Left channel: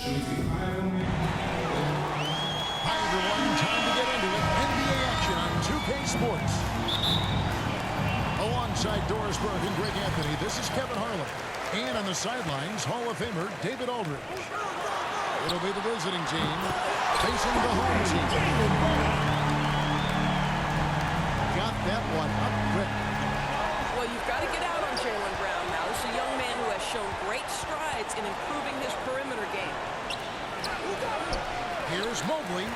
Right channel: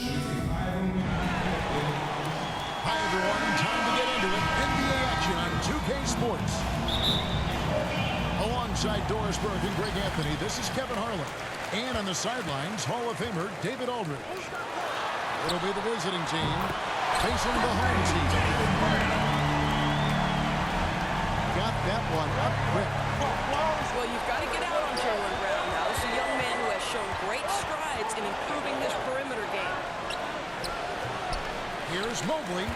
Hi, everyone. Time to get into it. NBA action on 2K Sports. Alongside Doris Burke and Greg Anthony, this is Kevin Harlan. And on the sidelines, Hall of Famer David Aldridge. It'll be the visiting team facing the home team. Got that one up quick. Well, you've got to get out on Jaylen Brown now. This is a young man who has shown great strides in improving his perimeter game. Here's Mobley.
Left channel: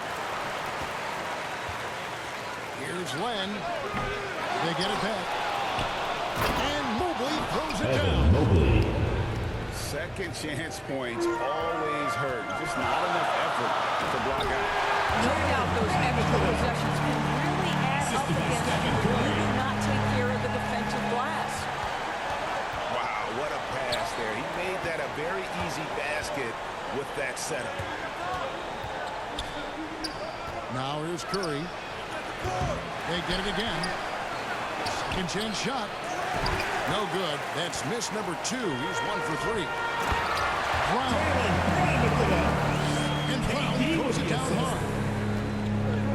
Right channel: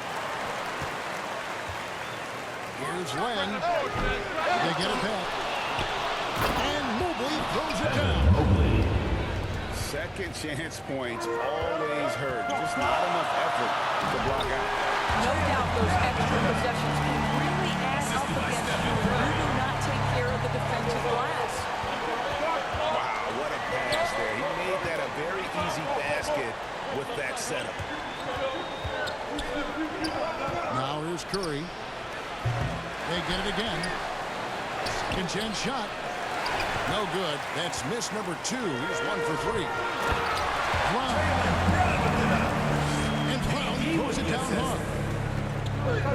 Here's Len. They get it back. And Mobley throws it down. Mobley. Second chance points always hurt. Just not enough effort to block out. No doubt those extra possessions can really add up against you when you do not take care of the defensive glass. Wow, what a pass there. He made that a very easy basket with that setup. Now here's Curry. They get it again. Second chance shot. No good. That's miss number 2. He's 1 for 3. Brown. And Brown throws it down hard.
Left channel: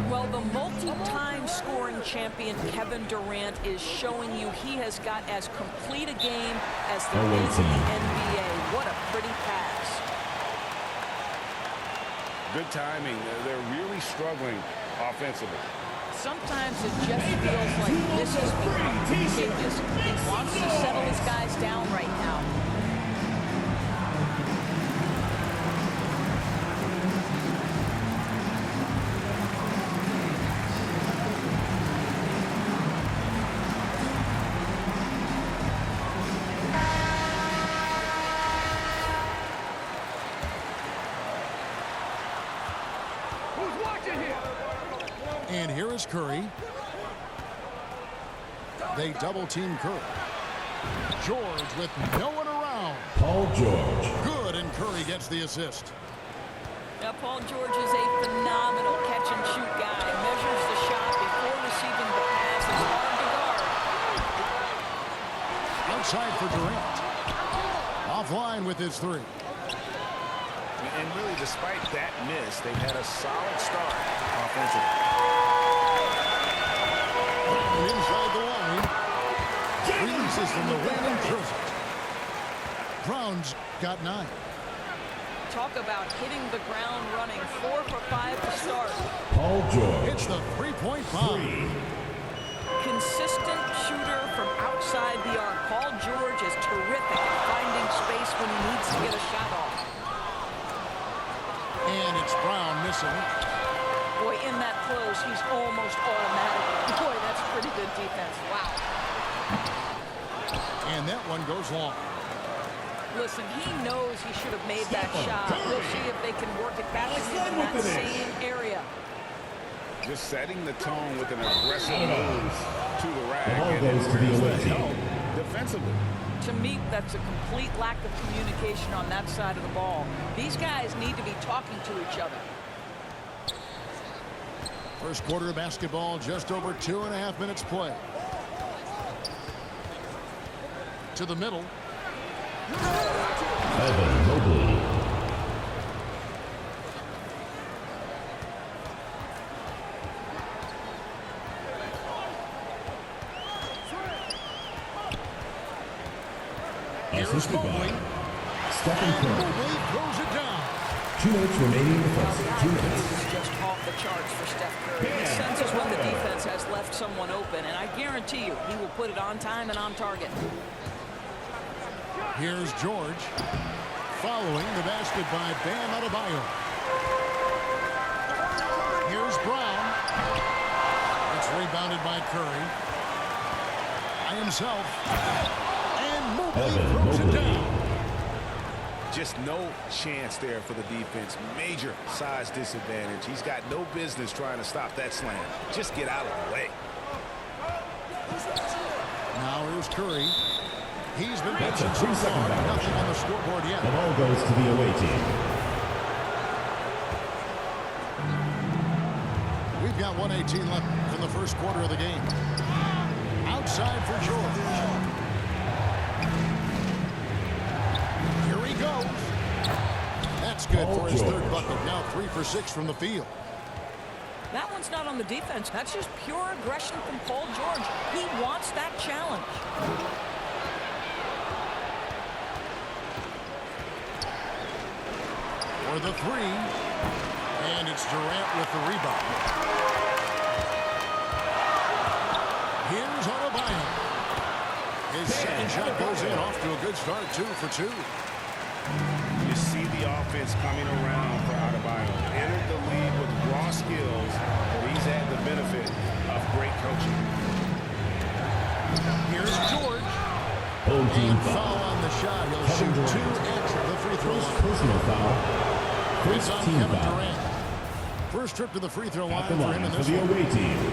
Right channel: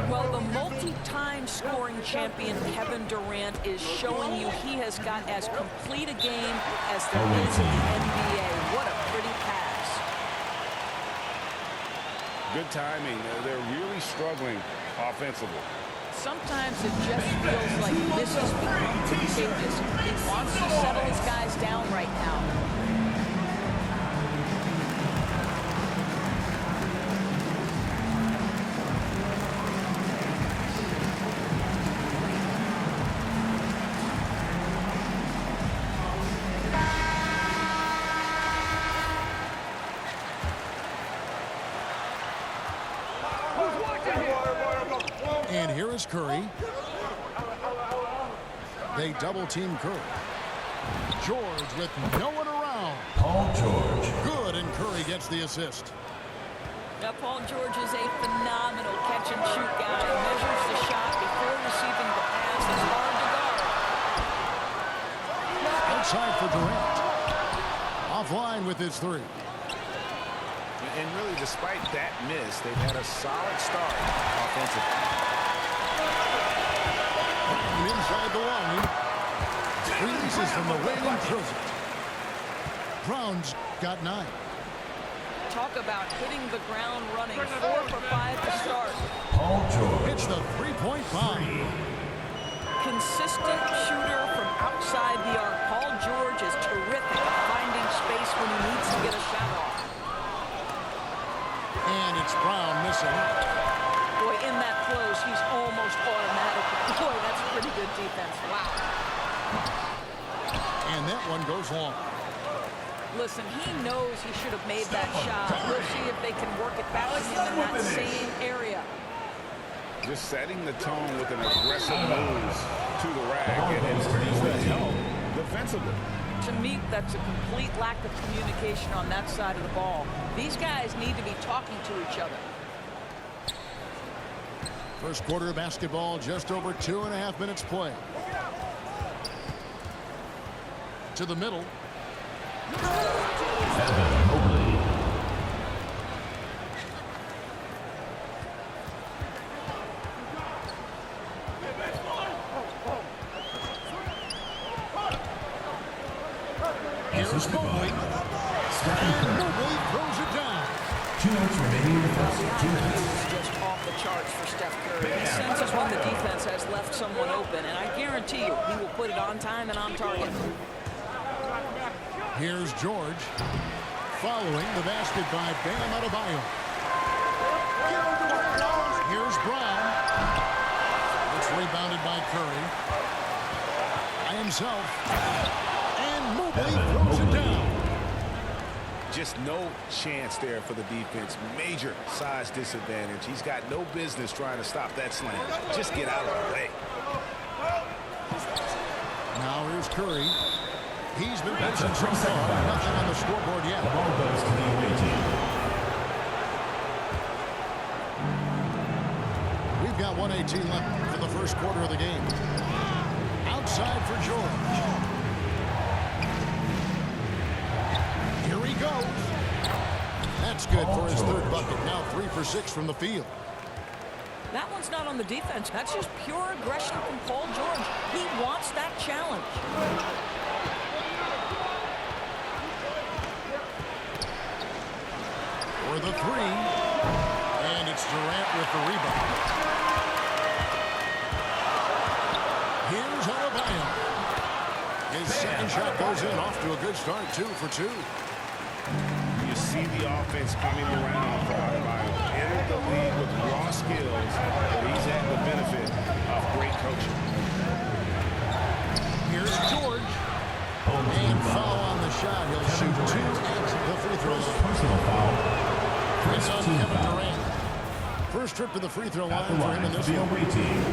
Well, the multi-time scoring champion Kevin Durant is showing you he has got as complete a game as there is in the NBA. What a pretty pass. Good timing. They're really struggling offensively. Sometimes it just feels like misses become contagious. He wants to settle his guys down right now. And here is Curry. They double-team Curry. George with no one around. Paul George. Good, and Curry gets the assist. Now, Paul George is a phenomenal catch-and-shoot guy. Measures the shot before receiving the pass. It's hard to guard. Outside for Durant. Offline with his 3. And really, despite that miss, they've had a solid start offensively. Brown inside the line. Releases from the wing and throws it. Brown's got 9. Talk about hitting the ground running. 4 for 5 to start. Paul George. Hits the three-point bomb. Consistent shooter from outside the arc. Paul George is terrific at finding space when he needs to get a shot off. And it's Brown missing. Boy, in that close, he's almost automatic. Boy, that's pretty good defense. Wow. And that one goes long. Listen, he knows he should have made that shot. We'll see if they can work it back to him in that same area. Just setting the tone with an aggressive move to the rack. Ball And goes to the where's away the team. help defensively? To me, that's a complete lack of communication on that side of the ball. These guys need to be talking to each other. First quarter of basketball, just over 2.5 minutes play. To the middle. Evan Mobley. Here's Mobley. Stephen And Curry. Mobley throws it down. 2 minutes remaining in the Well, first. the 2 IQ minutes. is just off the charts for Steph Curry. He senses when the defense has left someone open, and I guarantee you he will put it on time and on target. Here's George. Following the basket by Bam Adebayo. Here's Brown. It's rebounded by Curry. By himself. And Mobley Evan throws it Mobley. down. Just no chance there for the defense. Major size disadvantage. He's got no business trying to stop that slam. Just get out of the way. Now here's Curry. He's been mentioned so 3 second far. violation. Nothing on the scoreboard yet. The ball goes to the away team. We've got 1:18 left in the first quarter of the game. Outside for George. Here he goes. That's good Paul for his George. third bucket. Now 3 for 6 from the field. That one's not on the defense. That's just pure aggression from Paul George. He wants that challenge. For the three. And it's Durant with the rebound. Here's Adebayo. His second shot goes in, off to a good start, 2 for 2. You see the offense coming around for Adebayo. Entered the league with raw skills, but he's had the benefit of great coaching. Here's George. Home team And foul. foul on the shot. He'll Kevin shoot 2 Durant. at the free throw First line. personal foul. It's on Team Kevin foul. Durant. First trip to the free throw At the line for him line in for this the one. away team.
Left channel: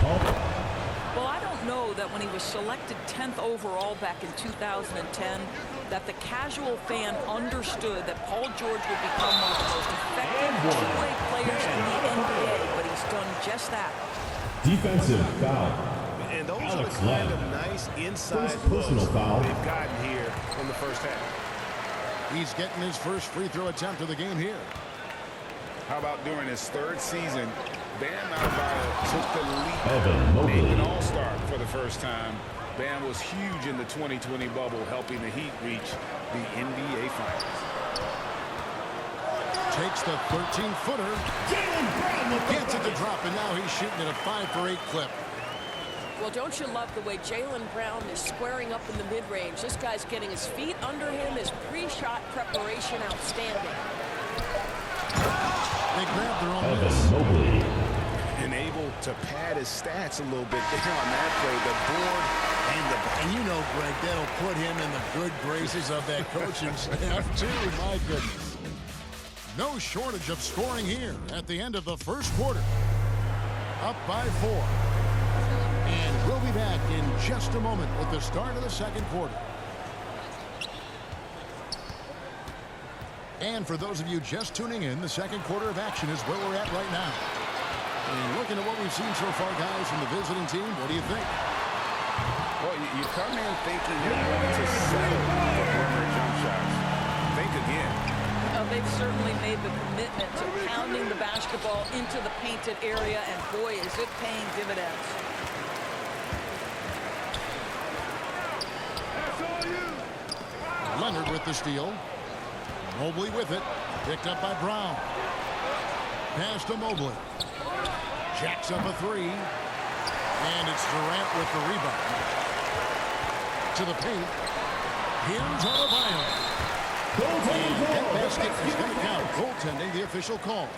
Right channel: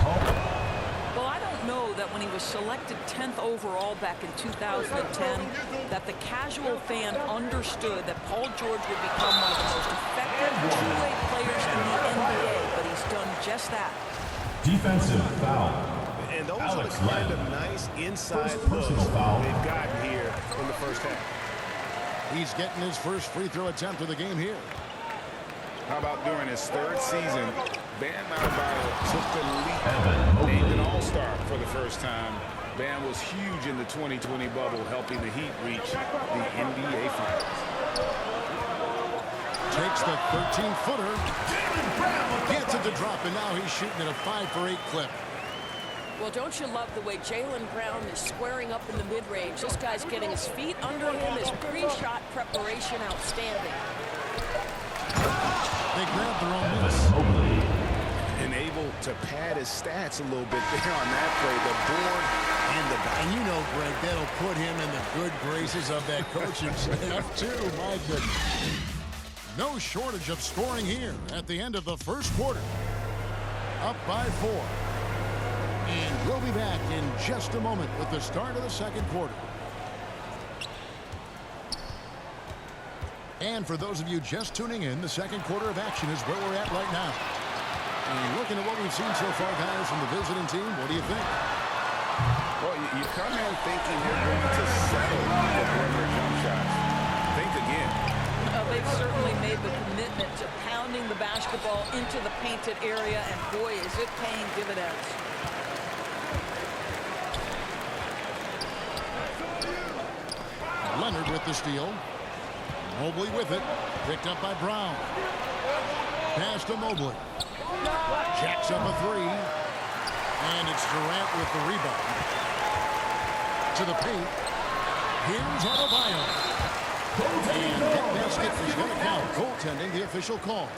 Paul. Well, I don't know that when he was selected 10th overall back in 2010, that the casual fan understood that Paul George would become one of the most effective two-way players in the NBA, but he's done just that. Defensive foul. And those Alex are the kind Len. of nice inside First personal looks foul. they've gotten here in the first half. He's getting his first free throw attempt of the game here. How about during his third season, Bam Adebayo took the leap, Evan Mobley. named an all-star for the first time. Bam was huge in the 2020 bubble, helping the Heat reach the NBA Finals. Takes the 13-footer. Gets it to drop, and now he's shooting at a 5 for 8 clip. Well, don't you love the way Jaylen Brown is squaring up in the mid-range? This guy's getting his feet under him. His pre-shot preparation outstanding. They grab their own Evan miss. Mobley. And able to pad his stats a little bit there on that play. The board and the back. And you know, Greg, that'll put him in the good graces of that coaching staff, too. My goodness. No shortage of scoring here at the end of the first quarter. Up by 4. And we'll be back in just a moment with the start of the second quarter. And for those of you just tuning in, the second quarter of action is where we're at right now. And looking at what we've seen so far, guys, from the visiting team, what do you think? Well, you come in thinking they're going to settle for perimeter jump shots. Think again. They've certainly made the commitment to pounding the basketball into the painted area, and boy, is it paying dividends. Leonard with the steal. Mobley with it. Picked up by Brown. Pass to Mobley. Jacks up a 3. And it's Durant with the rebound. To the paint. Here's Adebayo. And that basket is going to count. Goaltending, the official call.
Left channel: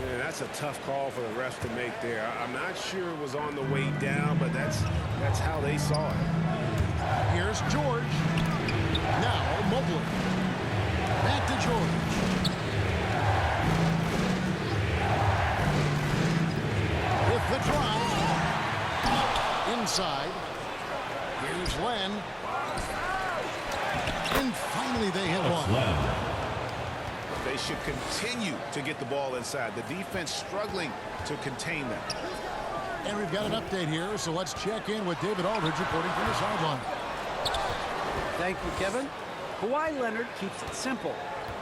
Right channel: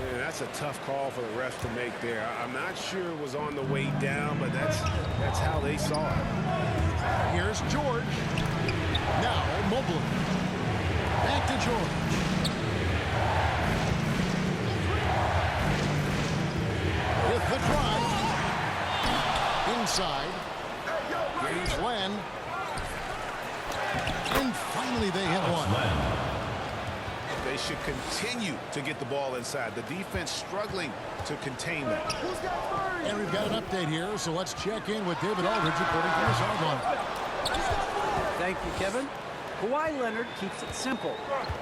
Yeah, that's a tough call for the refs to make there. I'm not sure it was on the way down, but that's how they saw it. Here's George. Now Mobley. Back to George. With the drive. Inside. Here's Len. And finally they hit one. Len. They should continue to get the ball inside. The defense struggling to contain them. And we've got an update here, so let's check in with David Aldridge reporting from the sideline. Thank you, Kevin. Kawhi Leonard keeps it simple.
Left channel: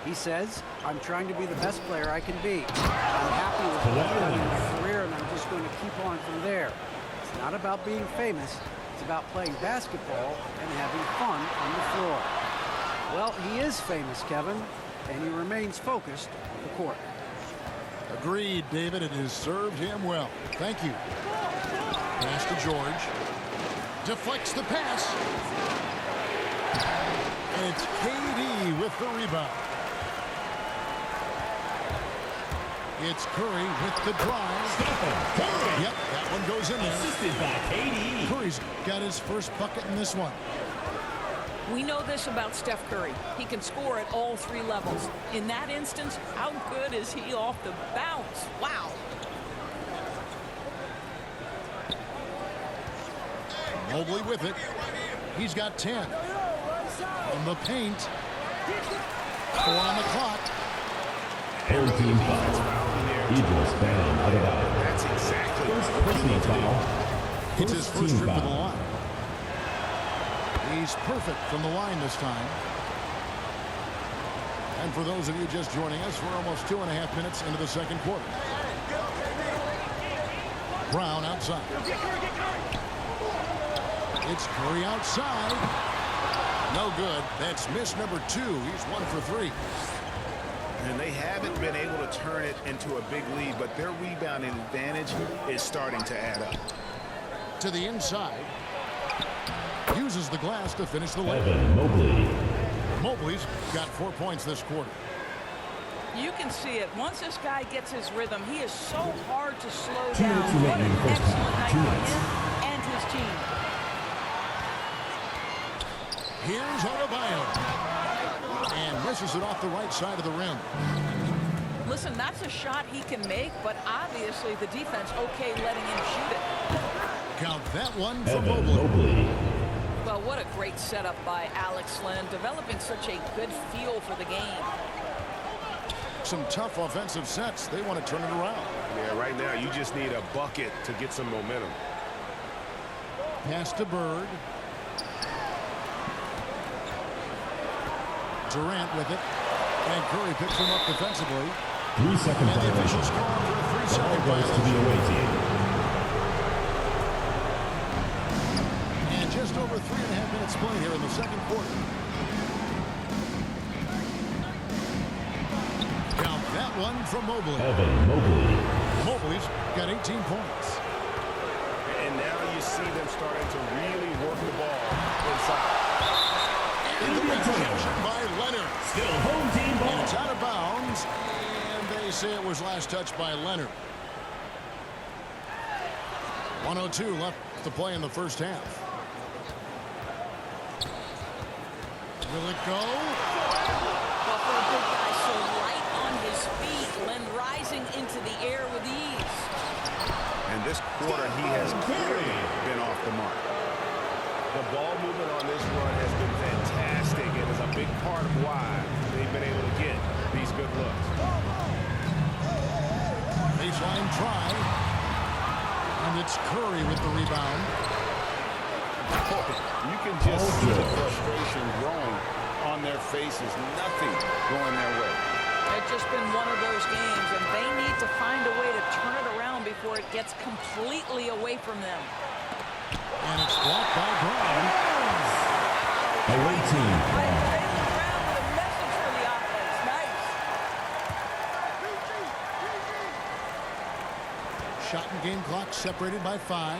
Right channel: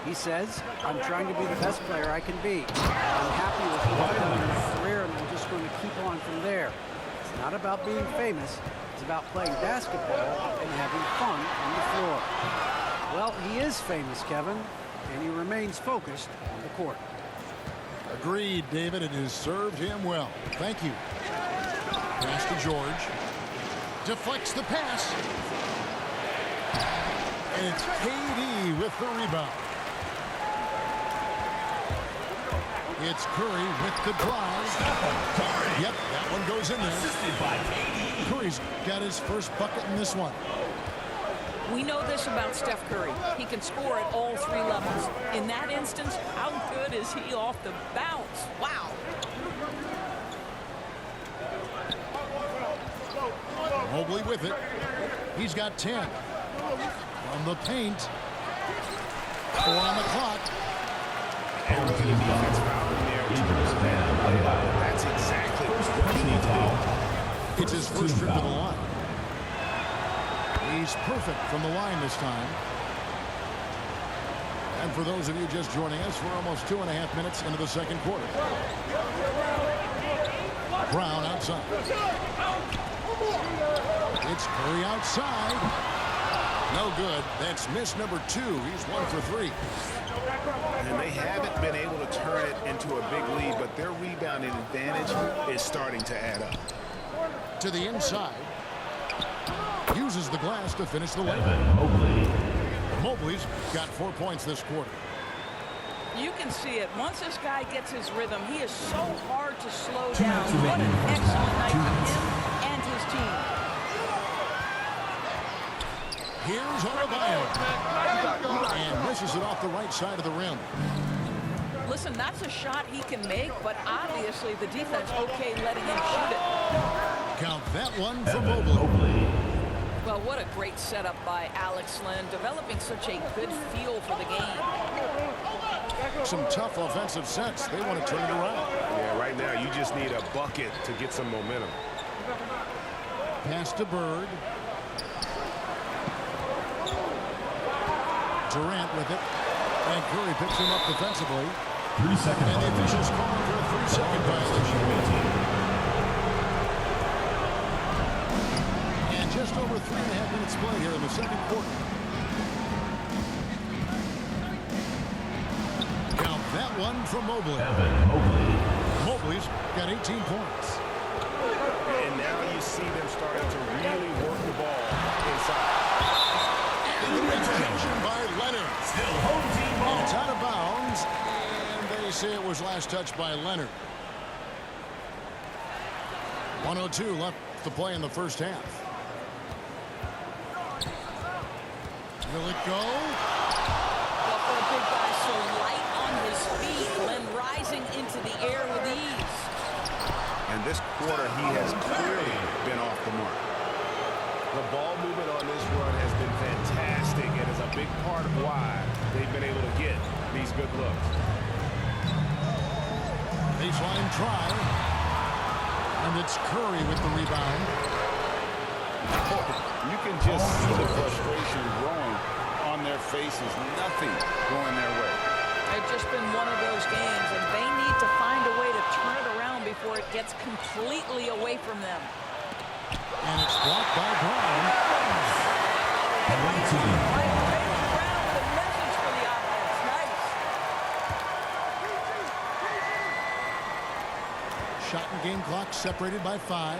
He says, I'm trying to be the best player I can be. I'm happy with what I've done in my career, and I'm just going to keep on from there. It's not about being famous. It's about playing basketball and having fun on the floor. Well, he is famous, Kevin, and he remains focused on the court. Agreed, David. It has served him well. Thank you. Pass to George. Deflects the pass. And it's KD with the rebound. It's Curry with the drive. Stephen Curry. Yep, that one goes in there. Assisted by KD. Curry's got his first bucket in this one. We know this about Steph Curry. He can score at all 3 levels. In that instance, how good is he off the bounce? Wow. Mobley with it. He's got 10. On the paint. 4 on the clock. Home team Defense foul. fouling there. Idris Bam Adebayo. That's exactly First what you personal need to do. foul. It's his first team trip to the foul. line. He's perfect from the line this time. And for those of you just joining us, we're almost 2.5 minutes into the second quarter. Brown outside. It's Curry outside. No good. That's miss number 2. He's 1 for 3. And they haven't been able to turn it into a big lead, but their rebounding advantage is starting to add up. To the inside. Uses the glass to finish the layup. Evan Mobley. Mobley's got 4 points this quarter. You can see it. Once this guy gets his rhythm, he is so hard to slow 2 down. minutes What remaining an in the first excellent half. night 2 for minutes. him and his team. Here's Adebayo. And misses it off the right side of the rim. Listen, that's a shot he can make, but obviously the defense okay letting him shoot it. Count that one for Evan Mobley. Mobley. Well, what a great setup by Alex Len, developing such a good feel for the game. Some tough offensive sets. They want to turn it around. Yeah, right now you just need a bucket to get some momentum. Pass to Bird. Durant with it. And Curry picks him up defensively. 3-second And the violation. officials call him for a 3-second Ball goes to violation. the away team. And just over 3.5 minutes played here in the second quarter. Count that one from Mobley. Evan Mobley. Mobley's got 18 points. And now you see them starting to really work the ball inside. And the rejection by Leonard. Still home team ball. And it's out of bounds. And they say it was last touched by Leonard. 1:02 left to play in the first half. Will it go? Well, for a big guy so light on his feet, Len rising into the air with ease. And this quarter, he has clearly been off the mark. The ball movement on this run has been fantastic and is a big part of why they've been able to get these good looks. Baseline try. And it's Curry with the rebound. You can just see the frustration growing on their faces. Nothing going their way. It's just been one of those games, and they need to find a way to turn it around before it gets completely away from them. And it's blocked by Brown. Away team. Jaylen Brown with a message for the offense. Nice. Shot and game clock separated by 5.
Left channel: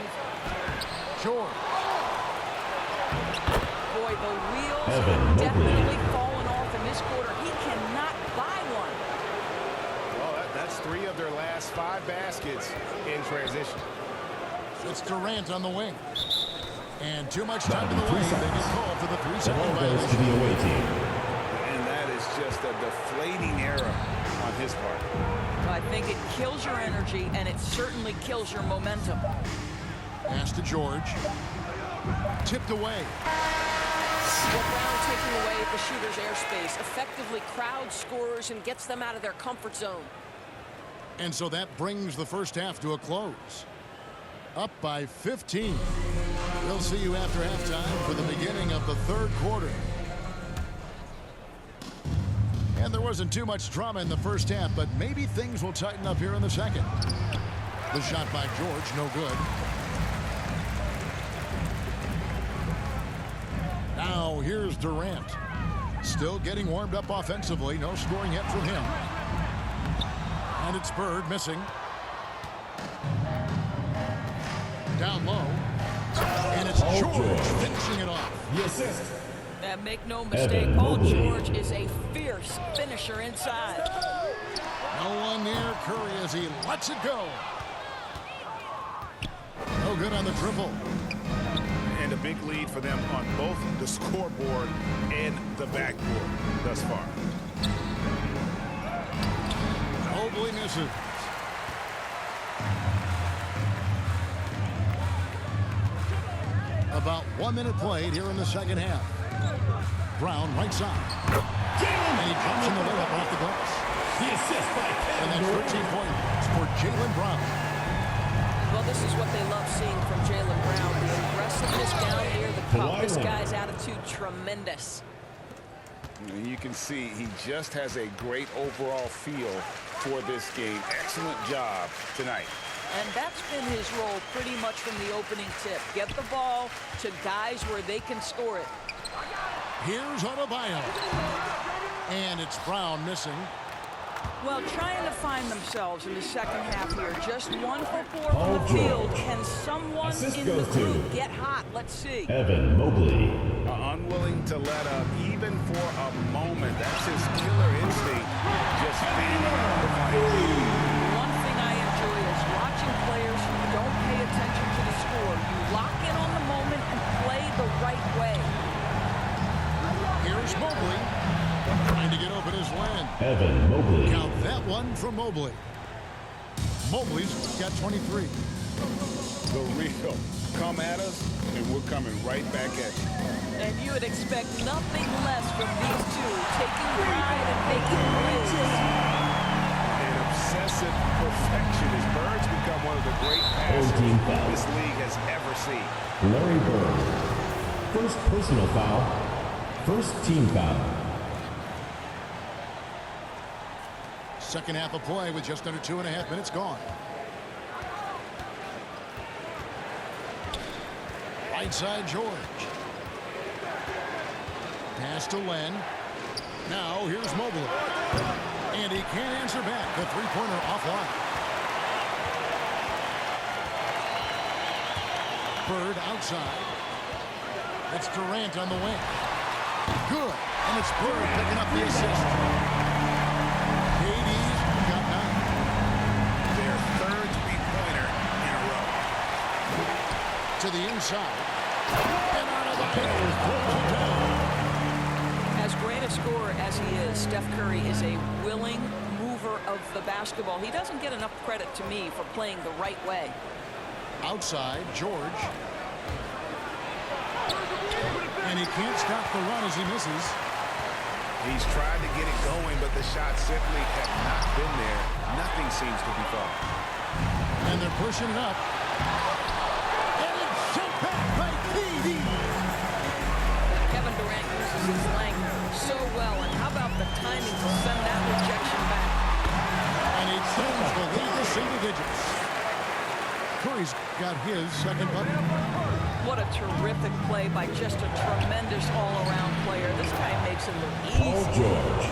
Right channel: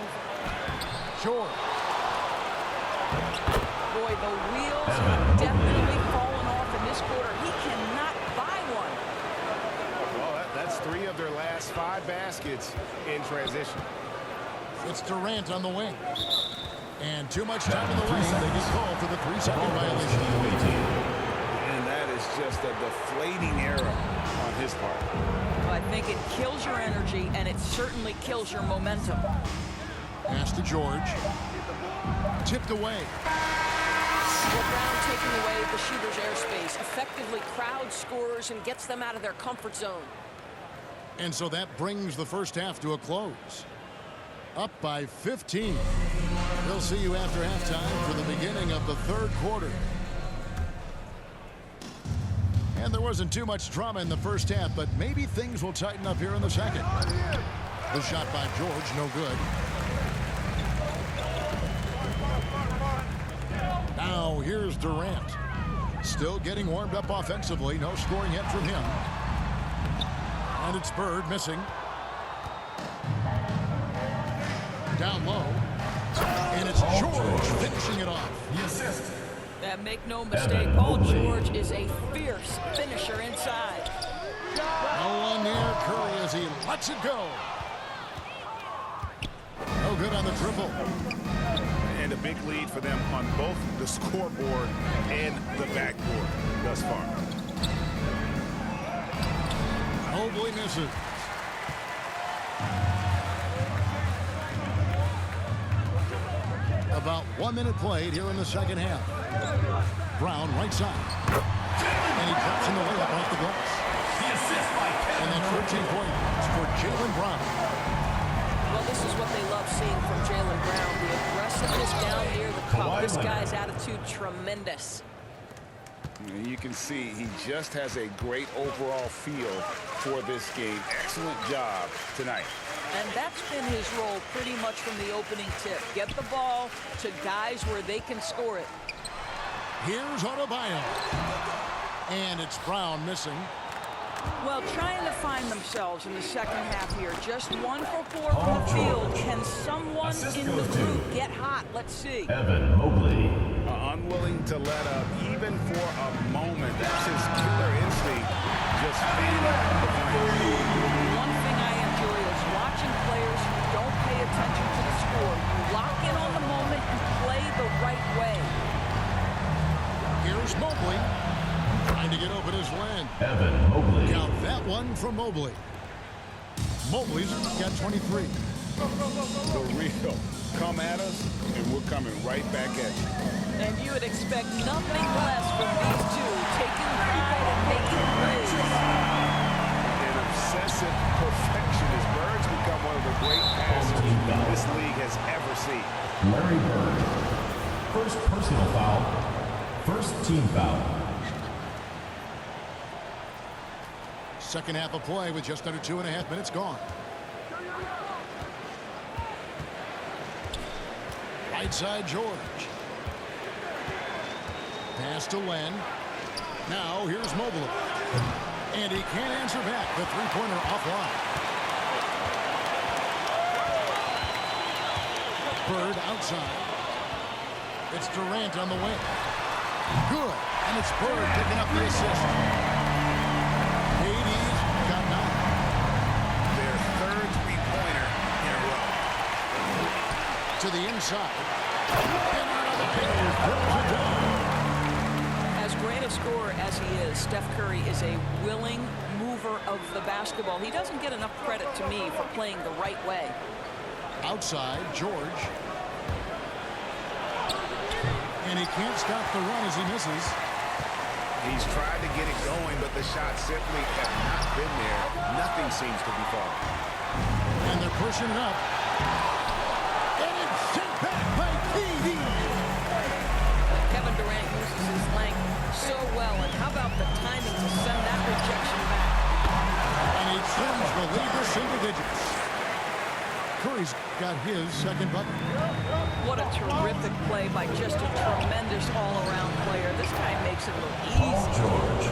Short. Boy, the wheels Evan have Mobley. definitely fallen off in this quarter. He cannot buy one. Well, that's 3 of their last 5 baskets in transition. It's Durant on the wing. And too much time in the 3 lane. They seconds. get called for the The 3-second ball goes to violation. the away team. And that is just a deflating error on his part. Well, I think it kills your energy, and it certainly kills your momentum. Pass to George. Tipped away. Well, Brown taking away the shooter's airspace effectively crowds scorers and gets them out of their comfort zone. And so that brings the first half to a close. Up by 15. We'll see you after halftime for the beginning of the third quarter. And there wasn't too much drama in the first half, but maybe things will tighten up here in the second. The shot by George, no good. Now here's Durant. Still getting warmed up offensively. No scoring yet from him. And it's Bird missing. Down low. And it's Paul George George. finishing it off. The assist. And make no mistake, Evan Paul Mobley. George is a fierce finisher inside. No one near Curry as he lets it go. No good on the triple. And a big lead for them on both the scoreboard and the backboard thus far. Mobley misses. About 1 minute played here in the second half. Brown right side. And he drops in the layup off the glass. The assist by Kevin And that's Durant. 13 points for Jaylen Brown. Well, this is what they love seeing from Jaylen Brown. The aggressiveness down near the cup. Kawhi This Leonard. guy's attitude tremendous. And you can see he just has a great overall feel for this game. Excellent job tonight. And that's been his role pretty much from the opening tip. Get the ball to guys where they can score it. Here's Adebayo. And it's Brown missing. Well, trying to find themselves in the second half here. Just 1 for 4 from the field. Can someone Assist in the goes group to get hot? Let's see. Evan Mobley. Unwilling to let up even for a moment. That's his killer instinct, just fanning the flame. One thing I enjoy is watching players who don't pay attention to the score. You lock in on the moment and play the right way. Here's Mobley. Trying to get open his land. Evan Mobley. Count that one from Mobley. Mobley's got 23. The real. Come at us, and we're coming right back at you. And you would expect nothing less from these two, taking pride and making plays. An obsessive perfectionist. Bird's become one of the great passers team foul. this league has ever seen. Larry Bird. First personal foul. First team foul. Second half of play with just under 2.5 minutes gone. Right side, George. Pass to Len. Now here's Mobley. And he can't answer back. The three-pointer offline. Bird outside. It's Durant on the wing. Good. And it's Bird picking up the assist. KD's got 9. Their third three-pointer in a row. To the inside. And Adebayo throws it down. As great a scorer as he is, Steph Curry is a willing mover of the basketball. He doesn't get enough credit to me for playing the right way. Outside, George. And he can't stop the run as he misses. He's tried to get it going, but the shots simply have not been there. Nothing seems to be falling. And they're pushing it up. And it's sent back by KD. Kevin Durant uses his length so well, and how about the timing to send that rejection back? And he trims the lead to single digits. Curry's got his second bucket. What a terrific play by just a tremendous all-around player. This guy makes it look Paul easy. George.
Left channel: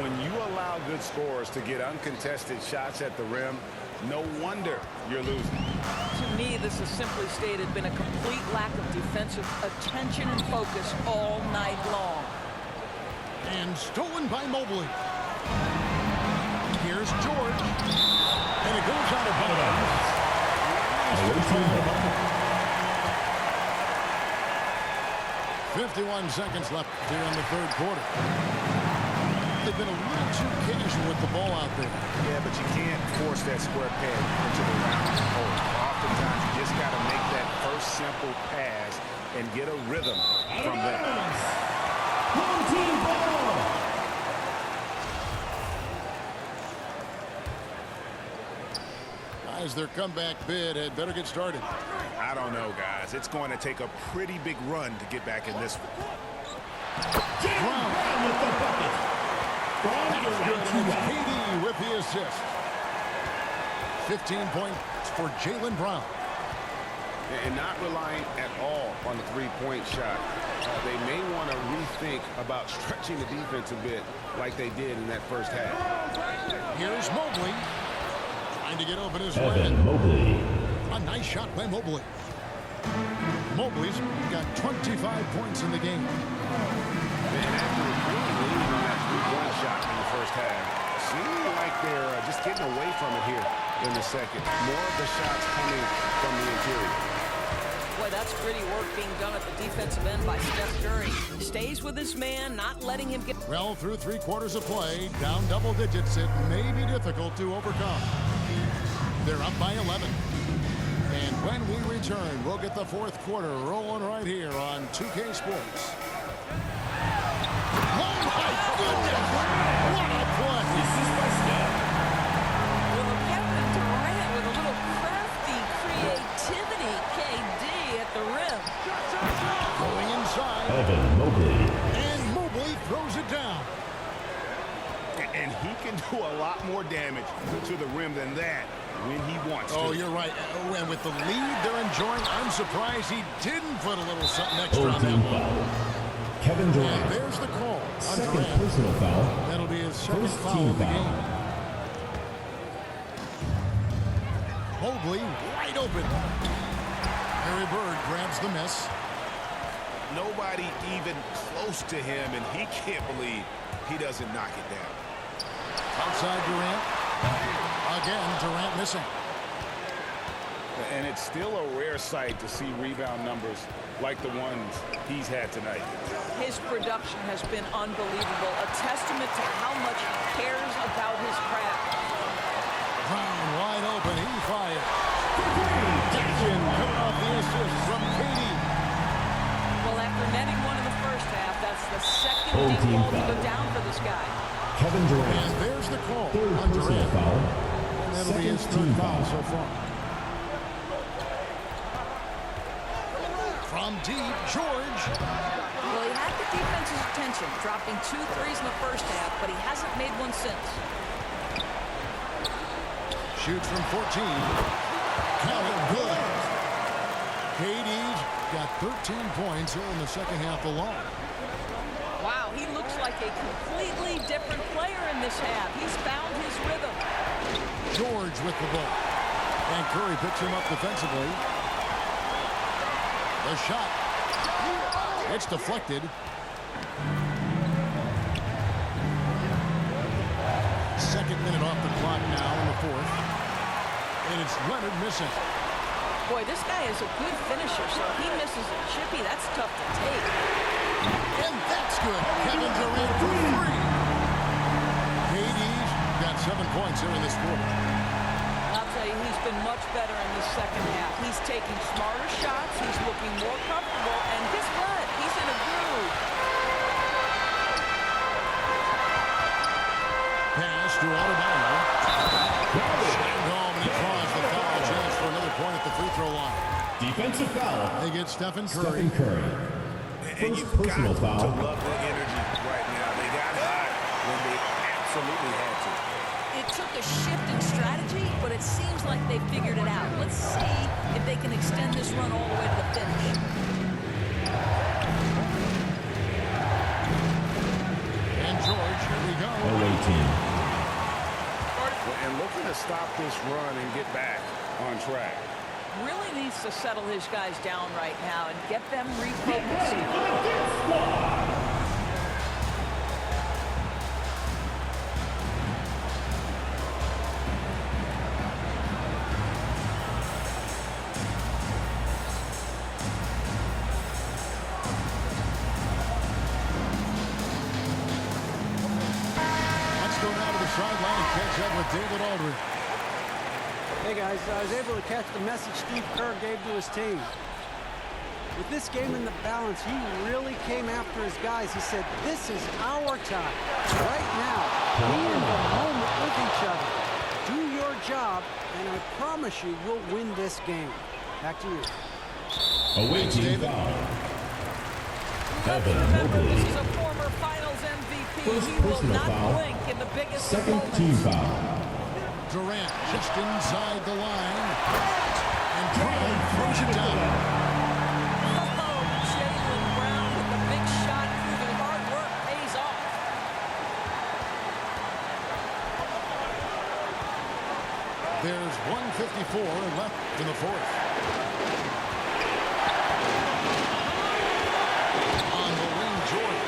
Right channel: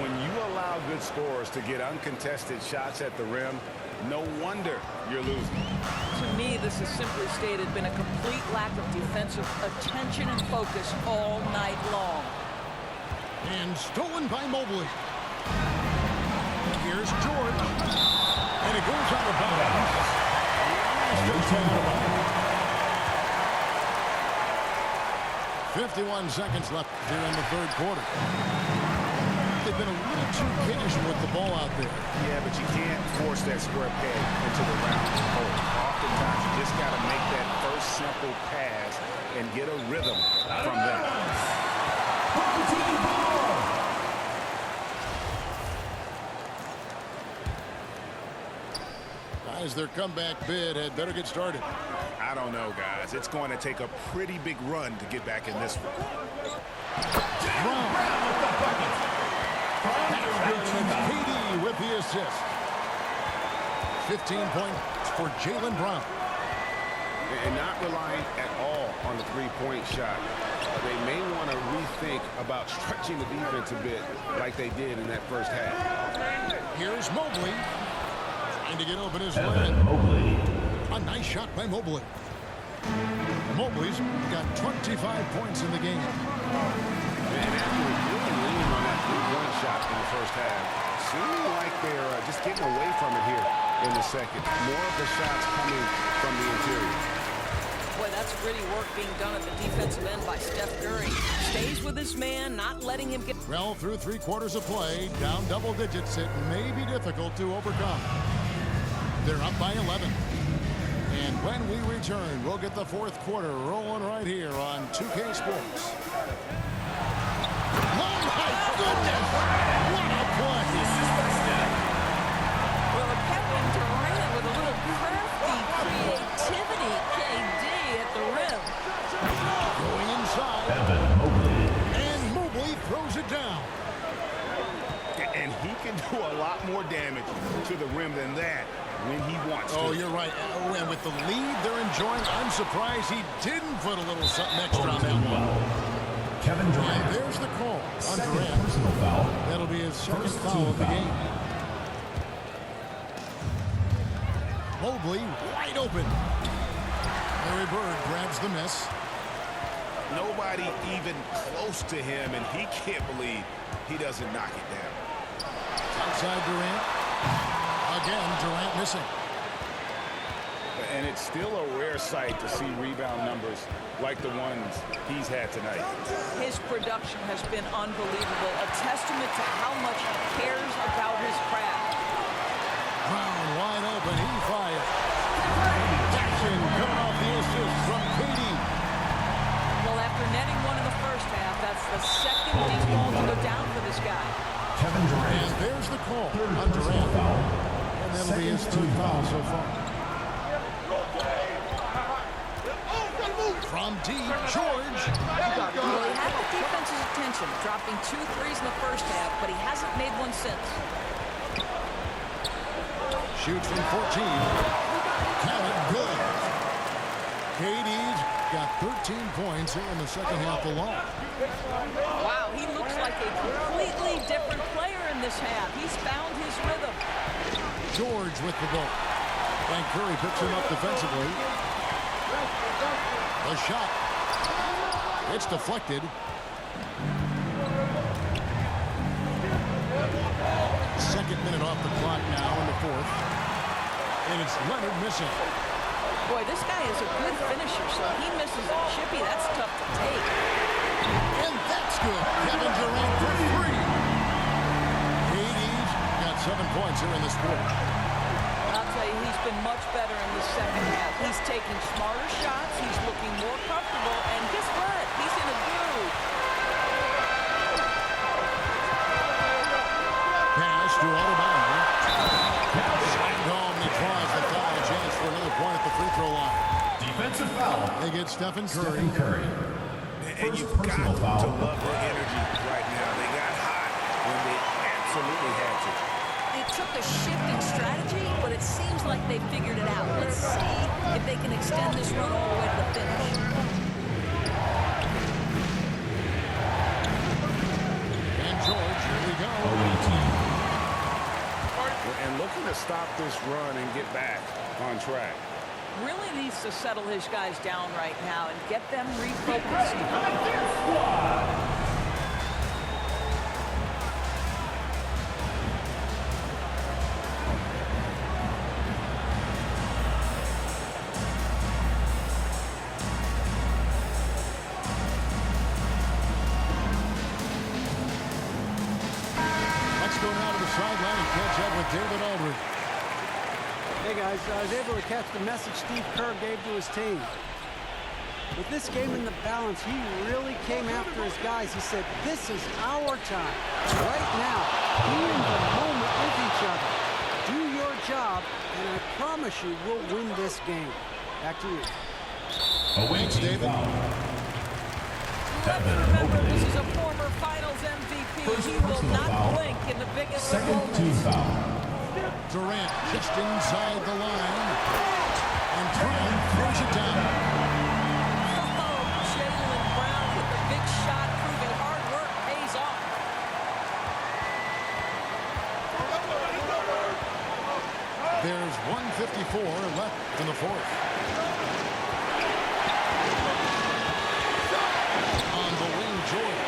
When you allow good scorers to get uncontested shots at the rim, no wonder you're losing. To me, this has simply stated been a complete lack of defensive attention and focus all night long. And stolen by Mobley. Here's George. And it goes out of bounds. Last touch by Adebayo. 51 seconds left here in the third quarter. They've been a little too casual with the ball out there. Yeah, but you can't force that square peg into the round hole. Oftentimes, you just got to make that first simple pass and get a rhythm from them. Home team ball. Guys, their comeback bid had better get started. I don't know, guys. It's going to take a pretty big run to get back in this one. Brown. Brown with the bucket. From That's the good, right and it's team foul. KD with the assist. 15 points for Jaylen Brown. And not relying at all on the three-point shot. They may want to rethink about stretching the defense a bit like they did in that first half. Here's Mobley. Trying to get open his Evan land. Mobley. A nice shot by Mobley. Mobley's got 25 points in the game. And after really leaning on that three-point shot in the first half, seeming like they're just getting away from it here in the second. More of the shots coming from the interior. Boy, that's gritty work being done at the defensive end by Steph Curry. Stays with his man, not letting him get... Well, through 3 quarters of play, down double digits, it may be difficult to overcome. They're up by 11. And when we return, we'll get the fourth quarter rolling right here on 2K Sports. Oh, my goodness! What a play! Assist by Steph. Well, Kevin Durant with a little crafty creativity, KD at the rim. Going inside, Evan Mobley. and Mobley throws it down. And he can do a lot more damage to the rim than that when he wants to. Oh, you're right. And with the lead they're enjoying, I'm surprised he didn't put a little something extra on that team one. foul. Kevin Durant. And there's the call on Second Durant. personal foul. That'll be his second First foul team of the foul. game. Mobley wide open. Larry Bird grabs the miss. Nobody even close to him, and he can't believe he doesn't knock it down. Outside Durant. Again, Durant missing. And it's still a rare sight to see rebound numbers like the ones he's had tonight. His production has been unbelievable, a testament to how much he cares about his craft. Brown wide open. He fires. Jackson coming off the assist from Katie. Well, after netting one in the first half, that's the second Full deep team ball to foul. go down for this guy. Kevin Durant. And there's the call Third on personal Durant. foul. And that'll be his Second third team foul foul. so far. From deep, George. Well, he had the defense's attention, dropping 2 threes in the first half, but he hasn't made one since. Shoots from 14. Count it, good. KD's got 13 points here in the second half alone. Wow, he looks like a completely different player in this half. He's found his rhythm. George with the ball. And Curry picks him up defensively. The shot. It's deflected. Second minute off the clock now in the fourth. And it's Leonard missing. Boy, this guy is a good finisher, so he misses a chippy. That's tough to take. And that's good. Kevin Durant for three. KD's got 7 points here in this quarter. I'll tell you, he's been much better in the second half. He's taking smarter shots. He's looking more comfortable. And guess what? He's in a groove. Pass to Adebayo. Slammed home, and he draws the foul. Chance for another point at the free throw line. Defensive foul. They get Stephen Curry. Stephen Curry. And First you've personal got foul. to love the energy right now. They got hot when they absolutely had to. It took a shift in strategy, but it seems like they figured it out. Let's see if they can extend this run all the way to the finish. And George, here we go. Away team. And looking to stop this run and get back on track. Really needs to settle his guys down right now and get them refocused. Let's go now to the sideline and catch up with David Aldridge. Hey guys, I was able to catch the message Steve Kerr gave to his team. With this game in the balance, he really came after his guys. He said, this is our time. Right now, be in the moment with each other. Do your job, and I promise you we'll win this game. Back to you. Away Thanks, team David. foul. Let's Evan remember, Mobley. this is a former Finals MVP. First He will personal not foul. blink in the biggest of Second moments. team foul. Durant just inside the line. And Brown throws it down. Oh, Jaylen Brown with the big shot, proving hard work pays off. There's 1:54 left in the fourth. On the wing, George.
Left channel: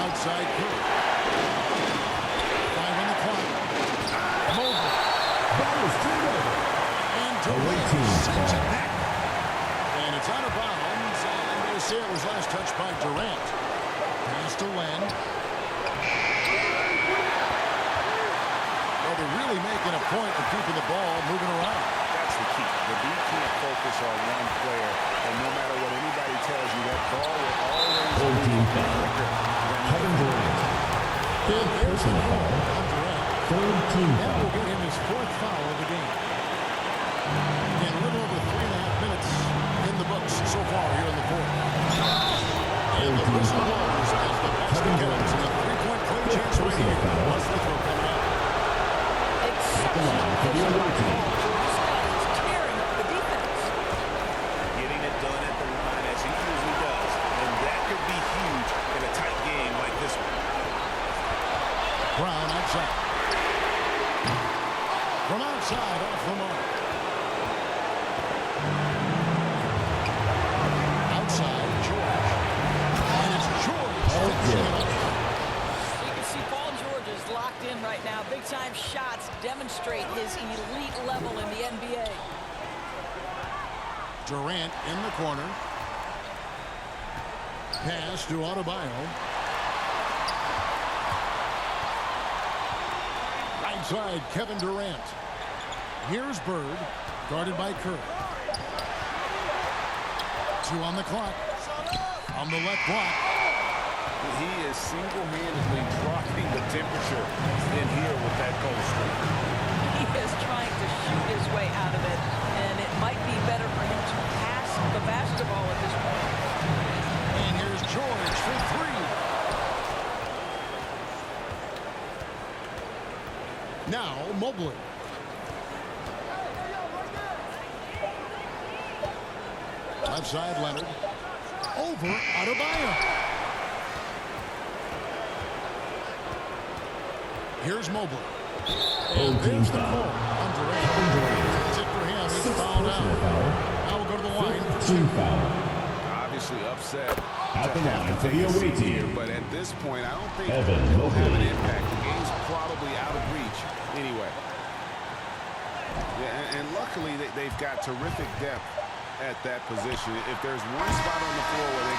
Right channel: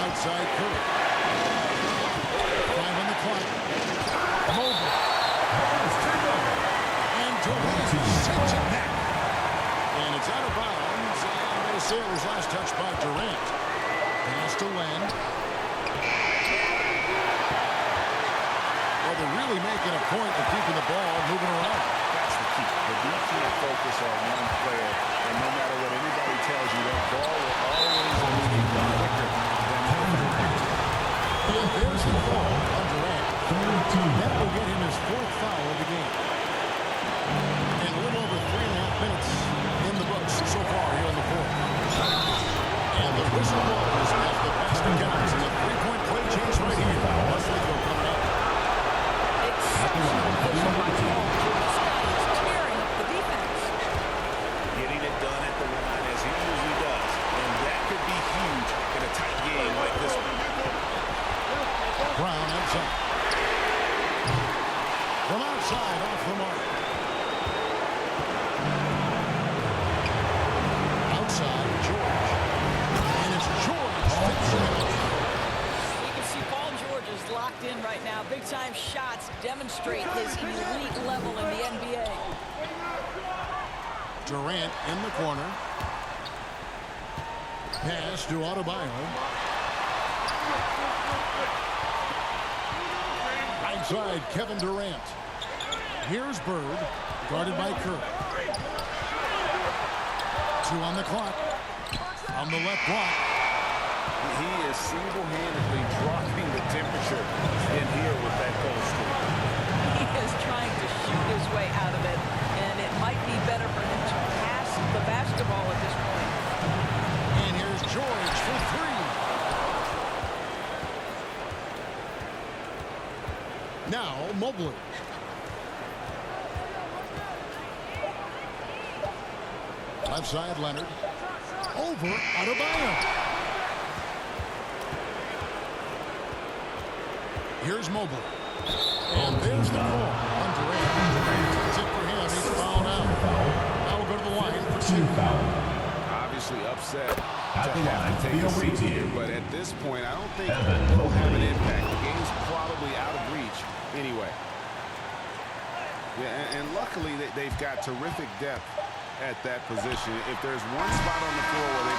Outside Curry. 5 on the clock. Mobley. Ball is turned over. And Durant sends it back. And it's out of bounds. And they say it was last touched by Durant. Pass to Len. Well, they're really making a point of keeping the ball moving around. That's the key. The D can't focus on one player, and no matter what anybody tells you, that ball will always Full move team foul. quicker than the Kevin Durant. And there's the call on Durant. Third team That will foul. get him his fourth foul of the game. And a little over 3.5 minutes in the books so far here in the fourth. And the whistle blows as the basket counts. And a three-point play chance right here. One free throw coming up. Exceptional vision by Paul George. This guy is tearing up the defense. Getting it done at the line as he usually does. And that could be huge in a tight game like this one. Brown outside. From outside, off the mark. Outside, George. And it's George finishing it off. You can see Paul George is locked in right now. Big-time shots demonstrate his elite level in the NBA. Durant in the corner. Pass to Adebayo. Right side, Kevin Durant. Here's Bird, guarded by Curry. 2 on the clock. On the left block. He is single-handedly dropping the temperature in here with that cold streak. He is trying to shoot his way out of it, and it might be better for him to pass the basketball at this point. And here's George for 3. Now Mobley. Left side, Leonard. Over Adebayo. Here's Mobley. And there's the call on Durant. That's it for him. He's fouled out. Now we'll go to the line for 2. Obviously upset At to the have line to for take the a away seat team. here, but at this point, I don't think Evan it'll have an Mobley. impact. The game's probably out of reach anyway. Yeah, and luckily they've got terrific depth at that position. If there's one spot on the floor where they